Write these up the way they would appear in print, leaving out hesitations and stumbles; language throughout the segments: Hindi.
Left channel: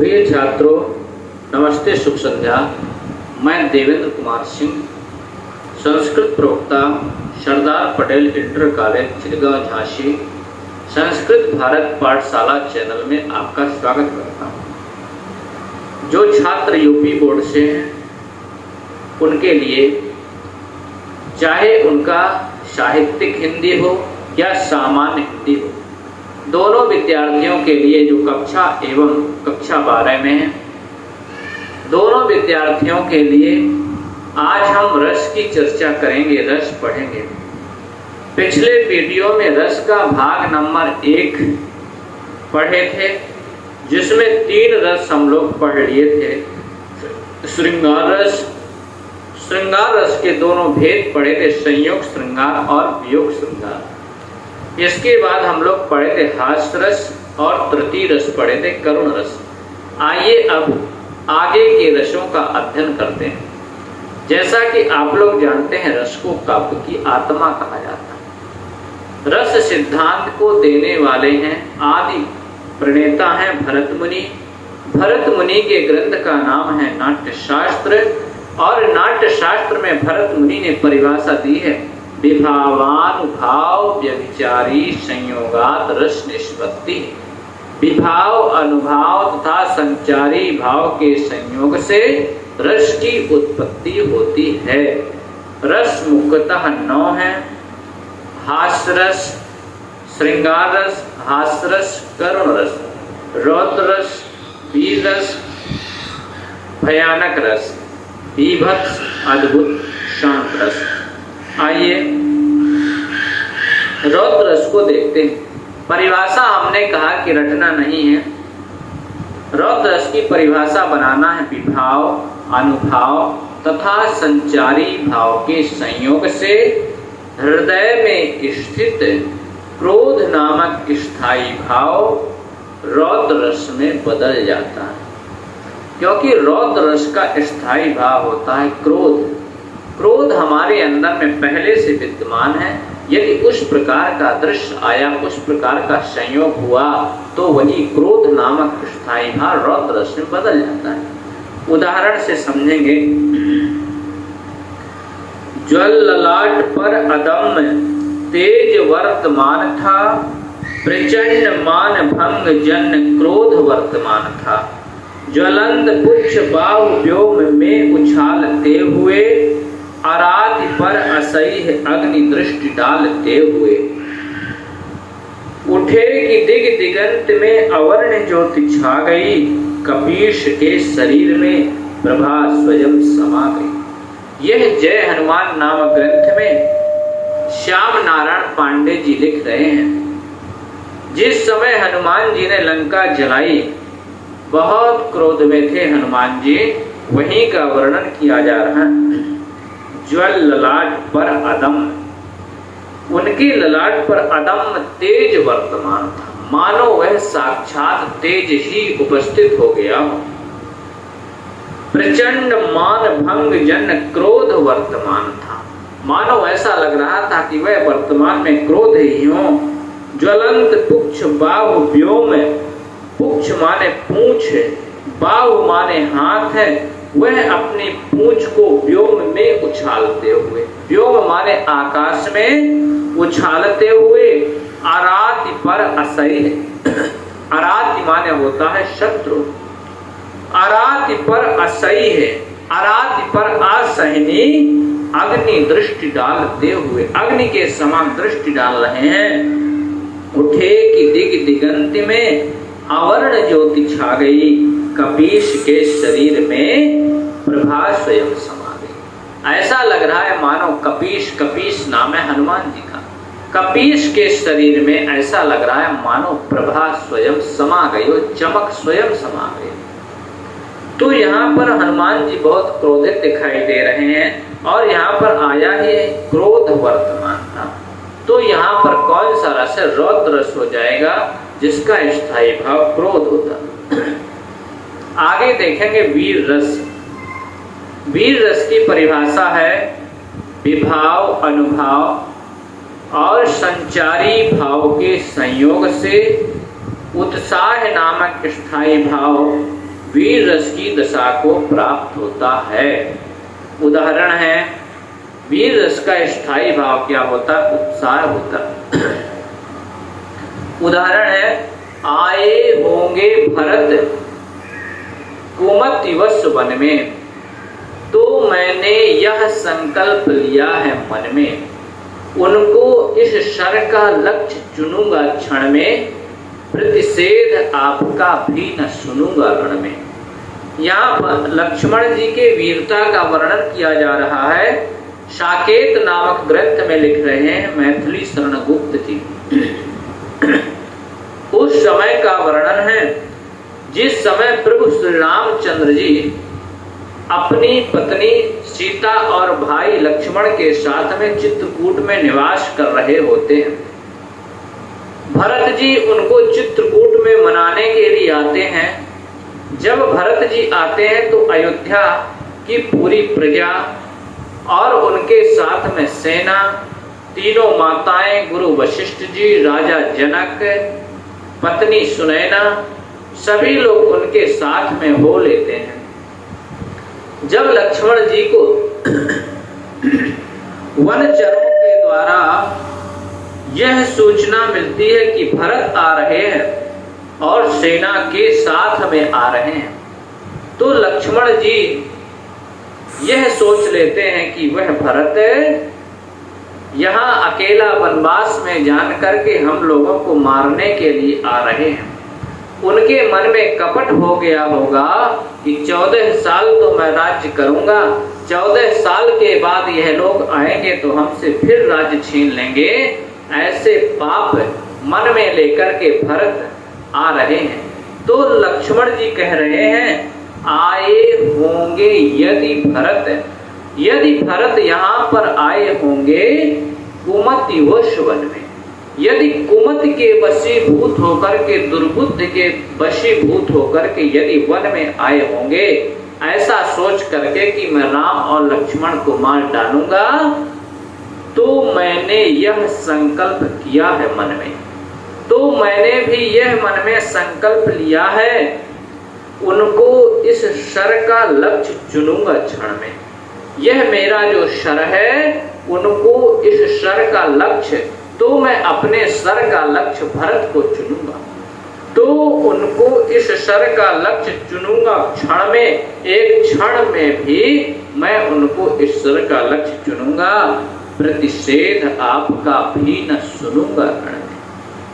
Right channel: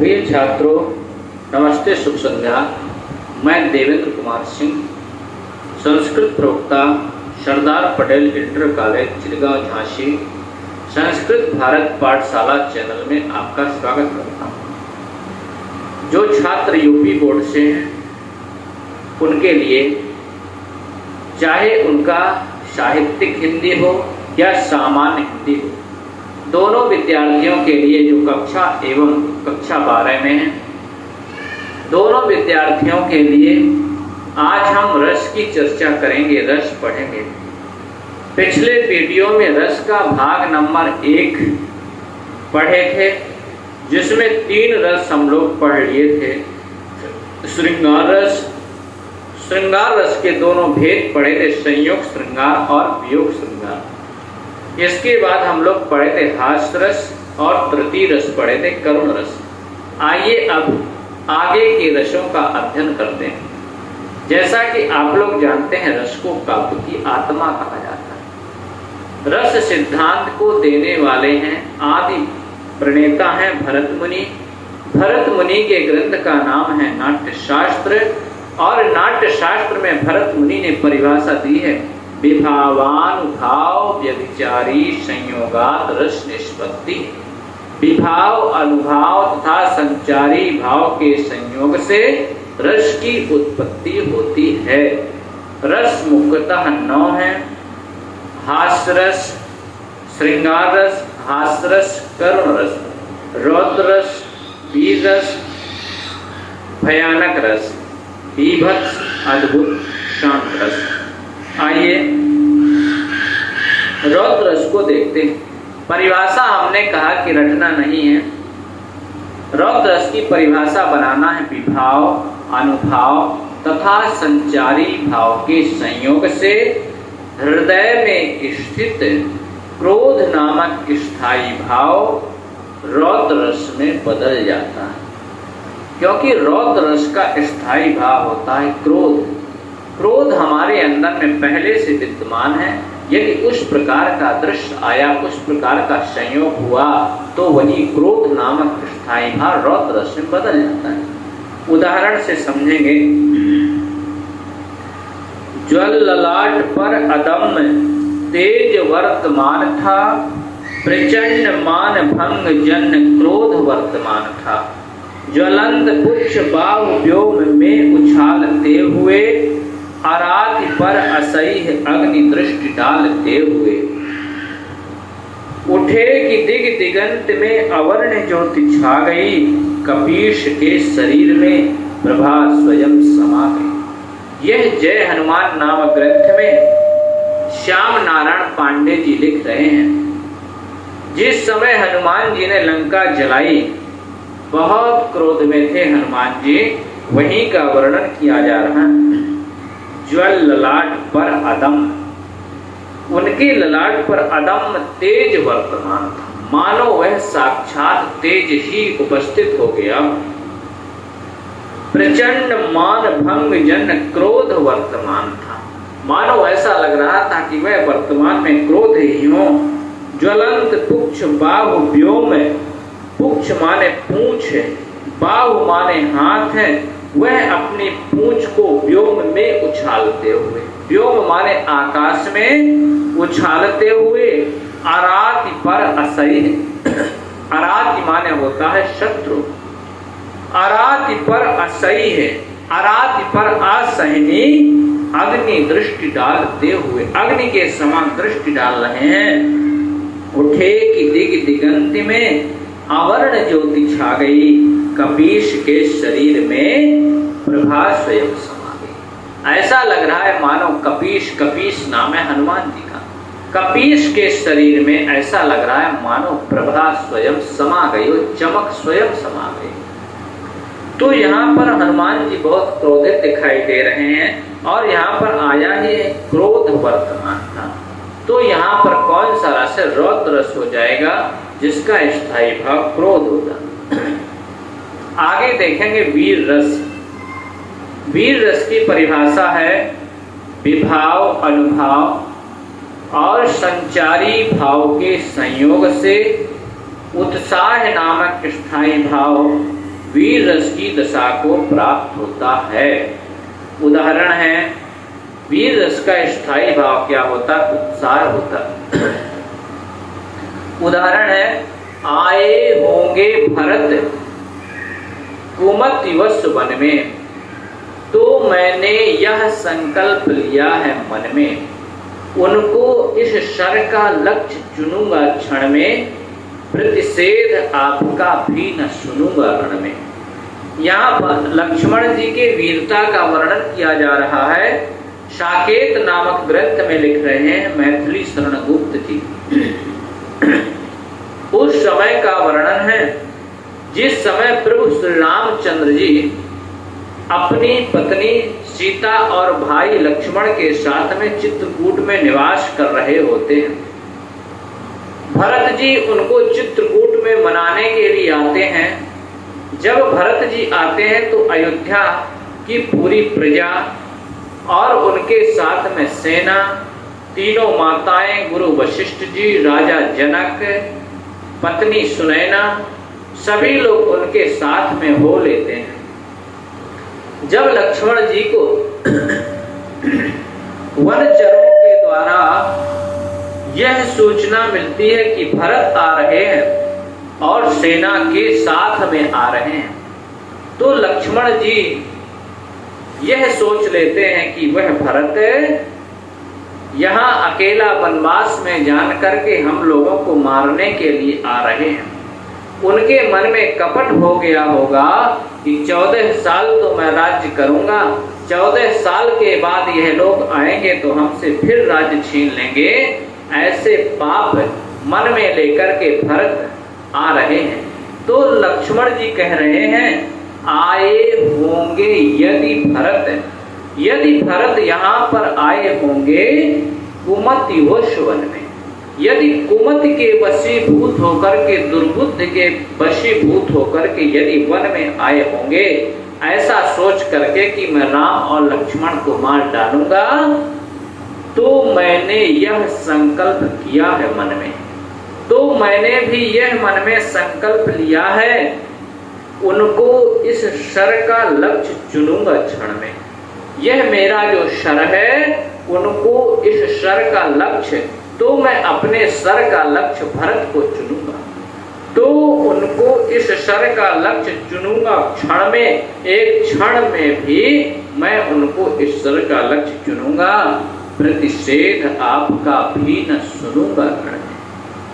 प्रिय छात्रों, नमस्ते, शुभ संध्या। मैं देवेंद्र कुमार सिंह, संस्कृत प्रवक्ता, सरदार पटेल इंटर कॉलेज, चिलगांव, झांसी, संस्कृत भारत पाठशाला चैनल में आपका स्वागत करता हूँ। जो छात्र यूपी बोर्ड से हैं, उनके लिए चाहे उनका साहित्यिक हिंदी हो या सामान्य हिंदी हो, दोनों विद्यार्थियों के लिए जो कक्षा एवं कक्षा 12 में है, दोनों विद्यार्थियों के लिए आज हम रस की चर्चा करेंगे, रस पढ़ेंगे। पिछले वीडियो में रस का भाग नंबर 1 पढ़े थे, जिसमें 3 रस हम लोग पढ़ लिए थे। श्रृंगार रस, श्रृंगार रस के दोनों भेद पढ़े थे, संयोग श्रृंगार और वियोग श्रृंगार। इसके बाद हम लोग पढ़े थे हास्य रस और तृतीय रस पढ़े थे कर्म रस। आइए अब आगे के रसों का अध्ययन करते हैं। जैसा कि आप लोग जानते हैं, रस को काव्य की आत्मा कहा जाता है। रस सिद्धांत को देने वाले हैं, आदि प्रणेता हैं भरत मुनि। भरत मुनि के ग्रंथ का नाम है नाट्य शास्त्र, और नाट्य शास्त्र में भरत मुनि ने परिभाषा दी है, विभावानुभाव व्यभिचारी संयोगात रस निष्पत्ति। विभाव, अनुभाव तथा संचारी भाव के संयोग से रस की उत्पत्ति होती है। रस मुख्यतः 9 है: हास्य रस, श्रृंगार रस, हास्य रस, करुण रस, रौद्र रस, वीर रस, भयानक रस, बीभत्स, अद्भुत, शांत रस। आइए रौद्र रस को देखते हैं। परिभाषा हमने कहा कि रटना नहीं है। रौद्र रस की परिभाषा बनाना है, विभाव, अनुभाव तथा संचारी भाव के संयोग से हृदय में स्थित क्रोध नामक स्थायी भाव रौद्र रस में बदल जाता है। क्योंकि रौद्र रस का स्थायी भाव होता है क्रोध। क्रोध हमारे अंदर में पहले से विद्यमान है। यदि उस प्रकार का दृश्य आया, उस प्रकार का संयोग हुआ, तो वही क्रोध नामक स्थायी भाव रौद्र रस में बदल जाता है। उदाहरण से समझेंगे। ज्वल ललाट पर अदम्य तेज वर्तमान था, प्रचंड मान भंग जन क्रोध वर्तमान था। ज्वलंत पुक्ष बाहु व्योम में उछालते हुए, आराधि पर असह्य अग्नि दृष्टि डालते हुए। उठे कि दिग दिगंत में अवर्ण ज्योति छा गई, कपीश के शरीर में प्रभा स्वयं समा गई। यह जय हनुमान नामक ग्रंथ में श्याम नारायण पांडे जी लिख रहे हैं। जिस समय हनुमान जी ने लंका जलाई, बहुत क्रोध में थे हनुमान जी, वहीं का वर्णन किया जा रहा है। ज्वल ललाट पर अदम, उनके ललाट पर अदम तेज वर्तमान था, मानो वह साक्षात तेज ही उपस्थित हो गया। प्रचंड मान भंग जन क्रोध वर्तमान था, मानो ऐसा लग रहा था कि वह वर्तमान में क्रोध ही हो। ज्वलंत पुक्ष बाहु व्योम, पुक्ष माने पूंछ, बाहु माने हाथ है, वह अपनी पूंछ को व्योम में उछालते हुए, व्योम माने आकाश में उछालते हुए, आराति पर असह्य, आराति माने होता है शत्रु, आराति पर असह्य, आराति पर असहनी अग्नि दृष्टि डालते हुए, अग्नि के समान दृष्टि डाल रहे हैं। उठे कि दिग दिगंत में अवर्ण ज्योति छा गई, कपीश के शरीर में प्रभा स्वयं समा गई। ऐसा लग रहा है मानो कपीश, कपीश नाम है हनुमान जी का, कपीश के शरीर में ऐसा लग रहा है मानो प्रभा स्वयं समा गई, वो चमक स्वयं समा गई। तो यहाँ पर हनुमान जी बहुत क्रोधित दिखाई दे रहे हैं, और यहाँ पर आया ही क्रोध वर्तमान था। तो यहाँ पर कौन सा रस है? रौद्र रस हो जाएगा, जिसका स्थायी भाव क्रोध होता। आगे देखेंगे वीर रस। वीर रस की परिभाषा है, विभाव, अनुभाव और संचारी भाव के संयोग से उत्साह नामक स्थायी भाव वीर रस की दशा को प्राप्त होता है। उदाहरण है, वीर रस का स्थायी भाव क्या होता? उत्साह होता। उदाहरण है, आए होंगे भरत कुमतिवश वन में, तो मैंने यह संकल्प लिया है मन में, उनको इस शर का लक्ष्य चुनूंगा क्षण में, प्रतिषेध आपका भी न सुनूंगा रण में। यहाँ पर लक्ष्मण जी के वीरता का वर्णन किया जा रहा है। साकेत नामक ग्रंथ में लिख रहे हैं मैथिली शरण गुप्त जी। उस समय का वर्णन है जिस समय प्रभु श्री रामचंद्र जी अपनी पत्नी सीता और भाई लक्ष्मण के साथ में चित्रकूट में निवास कर रहे होते हैं। भरत जी उनको चित्रकूट में मनाने के लिए आते हैं। जब भरत जी आते हैं तो अयोध्या की पूरी प्रजा और उनके साथ में सेना, तीनों माताएं, गुरु वशिष्ठ जी, राजा जनक, पत्नी सुनैना, सभी लोग उनके साथ में हो लेते हैं। जब लक्ष्मण जी को वनचरों के द्वारा यह सूचना मिलती है कि भरत आ रहे हैं और सेना के साथ में आ रहे हैं, तो लक्ष्मण जी यह सोच लेते हैं कि वह भरत यहाँ अकेला वनवास में जान करके हम लोगों को मारने के लिए आ रहे हैं। उनके मन में कपट हो गया होगा कि 14 साल तो मैं राज्य करूंगा, 14 साल के बाद यह लोग आएंगे तो हमसे फिर राज्य छीन लेंगे। ऐसे पाप मन में लेकर के भरत आ रहे हैं। तो लक्ष्मण जी कह रहे हैं, आए होंगे यदि भरत यहाँ पर आए होंगे कुमतिवश वन में, यदि कुमत के वशीभूत होकर के, दुर्बुद्धि के वशीभूत होकर के यदि वन में आए होंगे, ऐसा सोच करके कि मैं राम और लक्ष्मण को मार डालूंगा, तो मैंने यह संकल्प किया है मन में, तो मैंने भी यह मन में संकल्प लिया है, उनको इस शर का लक्ष्य चुनूंगा क्षण में। यह मेरा जो शर है, उनको इस शर का लक्ष्य, तो मैं अपने शर का लक्ष्य भरत को चुनूंगा, तो उनको इस शर का लक्ष्य चुनूंगा क्षण में, एक क्षण में भी मैं उनको इस शर का लक्ष्य चुनूंगा, प्रतिषेध आपका भी न सुनूंगा।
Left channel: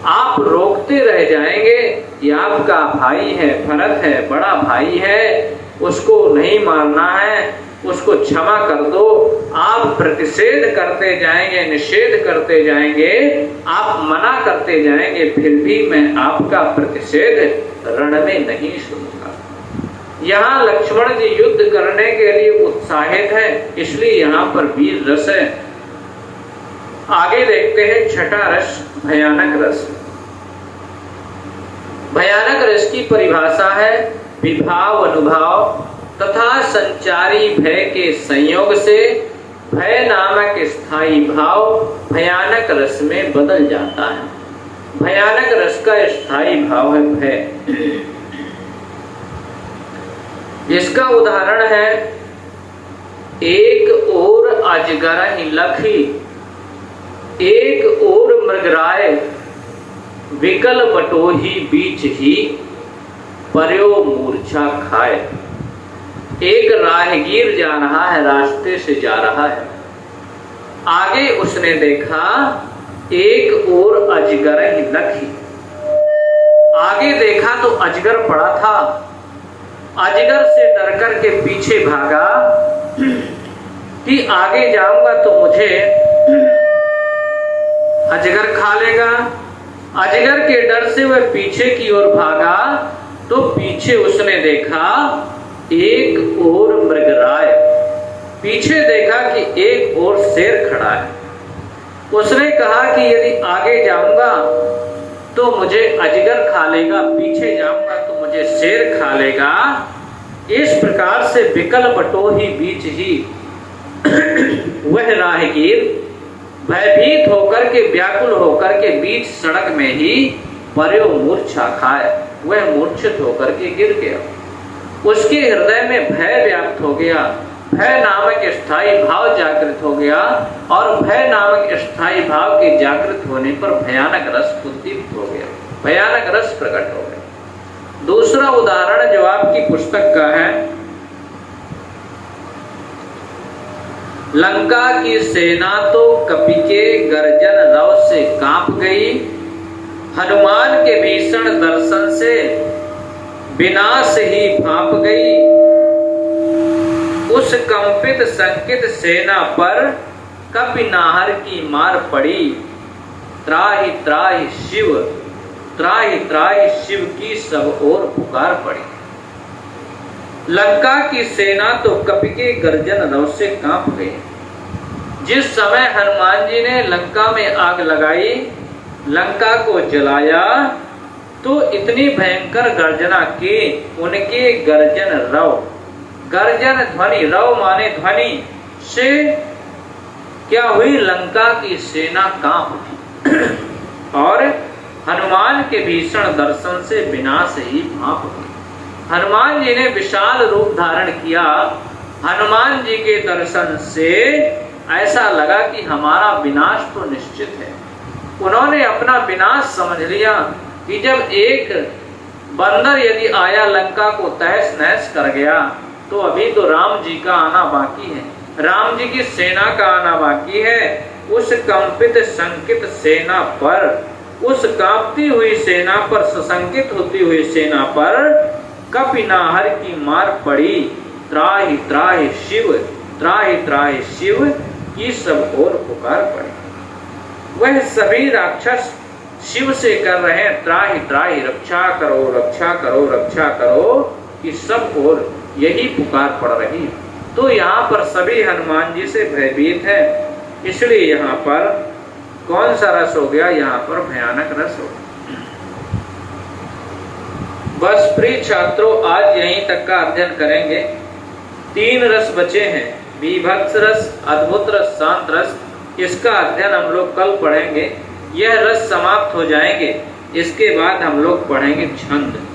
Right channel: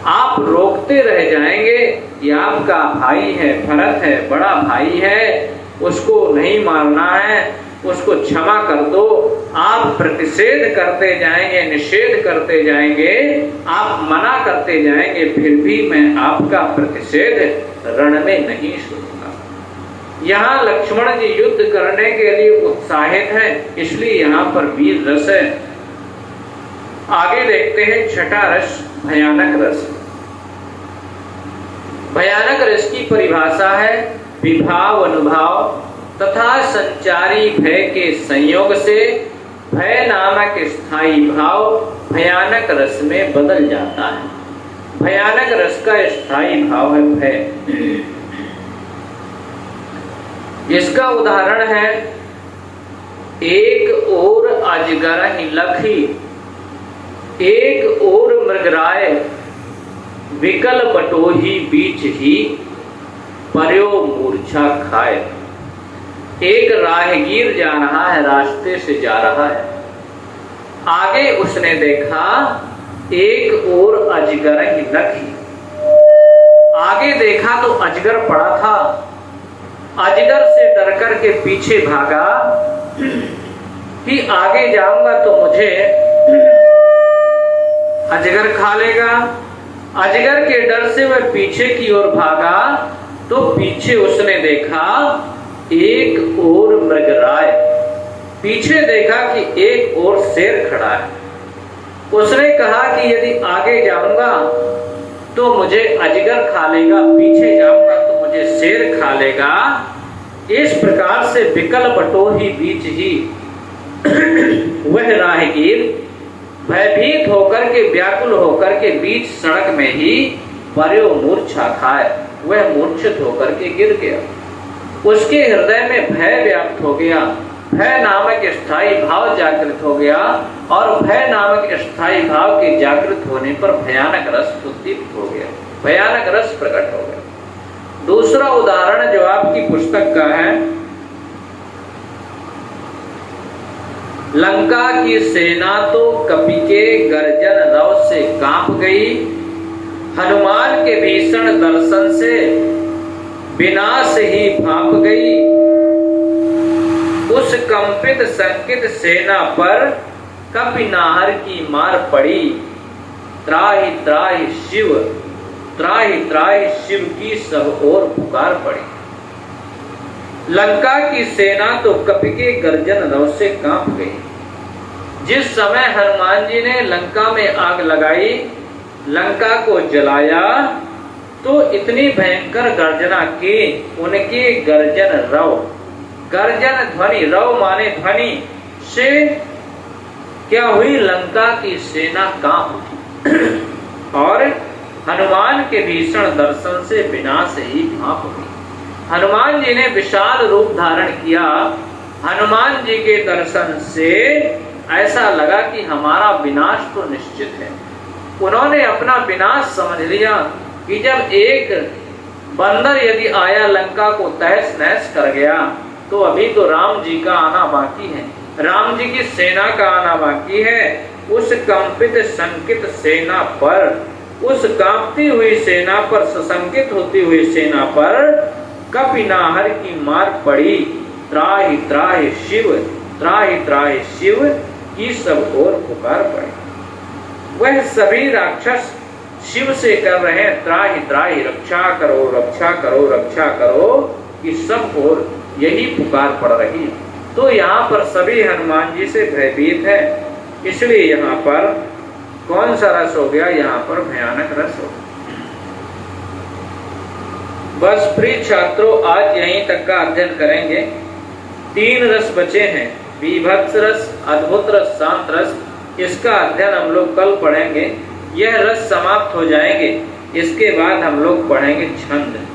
आप रोकते रह जाएंगे कि आपका भाई है, भरत है, बड़ा भाई है, उसको नहीं मारना है, उसको क्षमा कर दो। आप प्रतिषेध करते जाएंगे, निषेध करते जाएंगे, आप मना करते जाएंगे, फिर भी मैं आपका प्रतिषेध रण में नहीं सुनूंगा। यहाँ लक्ष्मण जी युद्ध करने के लिए उत्साहित है, इसलिए यहाँ पर वीर रस है। आगे देखते हैं छठा रस, भयानक रस। भयानक रस की परिभाषा है विभाव, अनुभव तथा संचारी भय के संयोग से भय नामक स्थायी भाव भयानक रस में बदल जाता है। भयानक रस का स्थायी भाव है भय। इसका उदाहरण है, एक ओर अजगर ही लखी, एक ओर मृगराय, विकल बटोही बीच ही पर्यो मूर्छा खाए। एक राहगीर जा रहा है, रास्ते से जा रहा है, आगे उसने देखा एक ओर अजगर ही लखी, आगे देखा तो अजगर पड़ा था। अजगर से डर करके पीछे भागा कि आगे जाऊंगा तो मुझे अजगर खा लेगा। अजगर के डर से वह पीछे की ओर भागा तो पीछे उसने देखा एक ओर मृगराय, पीछे देखा कि एक ओर शेर खड़ा है। उसने कहा कि यदि आगे जाऊंगा तो मुझे अजगर खा लेगा, पीछे जाऊंगा तो मुझे शेर खा लेगा। इस प्रकार से विकल बटोही बीच ही वह राहगीर भयभीत होकर के, व्याकुल होकर के बीच सड़क में ही पर्यो मूर्छा खाए, वह मूर्छित होकर के गिर गया। उसके हृदय में भय व्याप्त हो गया, भय नामक स्थायी भाव जागृत हो गया, और भय नामक स्थायी भाव के जागृत होने पर भयानक रस उद्दीप्त हो गया, भयानक रस प्रकट हो गया। दूसरा उदाहरण जो आपकी पुस्तक का है, लंका की सेना तो कपि के गर्जन रव से कांप गई, हनुमान के भीषण दर्शन से विनाश ही भाप गई। उस कंपित संकित सेना पर कपि नाहर की मार पड़ी, त्राहि त्राहि शिव, त्राहि त्राहि शिव की सब ओर पुकार पड़ी। लंका की सेना तो कपि के गर्जन रव से कांप गई। जिस समय हनुमान जी ने लंका में आग लगाई, लंका को जलाया, तो इतनी भयंकर गर्जना की, उनके गर्जन रव, गर्जन ध्वनि, रव माने ध्वनि से क्या हुई, लंका की सेना कांप उठी और हनुमान के भीषण दर्शन से विनाश ही भाप गई। हनुमान जी ने विशाल रूप धारण किया। हनुमान जी के दर्शन से ऐसा लगा कि हमारा विनाश तो निश्चित है। उन्होंने अपना विनाश समझ लिया कि जब एक बंदर यदि आया लंका को तहस नहस कर गया, तो अभी तो राम जी का आना बाकी है, राम जी की सेना का आना बाकी है। उस कंपित संकित सेना पर, उस कांपती हुई सेना पर, सशंकित होती हुई सेना पर कपि नाहर की मार पड़ी, त्राहि त्राहि शिव, त्राहि त्राहि शिव की सब ओर पुकार पड़ी। वह सभी राक्षस शिव से कर रहे हैं त्राहि त्राहि, रक्षा करो रक्षा करो रक्षा करो, कि सब ओर यही पुकार पड़ रही है। तो यहाँ पर सभी हनुमान जी से भयभीत है, इसलिए यहाँ पर कौन सा रस हो गया, यहाँ पर भयानक रस हो गया। बस प्रिय छात्रों, आज यहीं तक का अध्ययन करेंगे। 3 रस बचे हैं, बीभत्स रस, अद्भुत रस, शांत रस। इसका अध्ययन हम लोग कल पढ़ेंगे। यह रस समाप्त हो जाएंगे, इसके बाद हम लोग पढ़ेंगे छंद।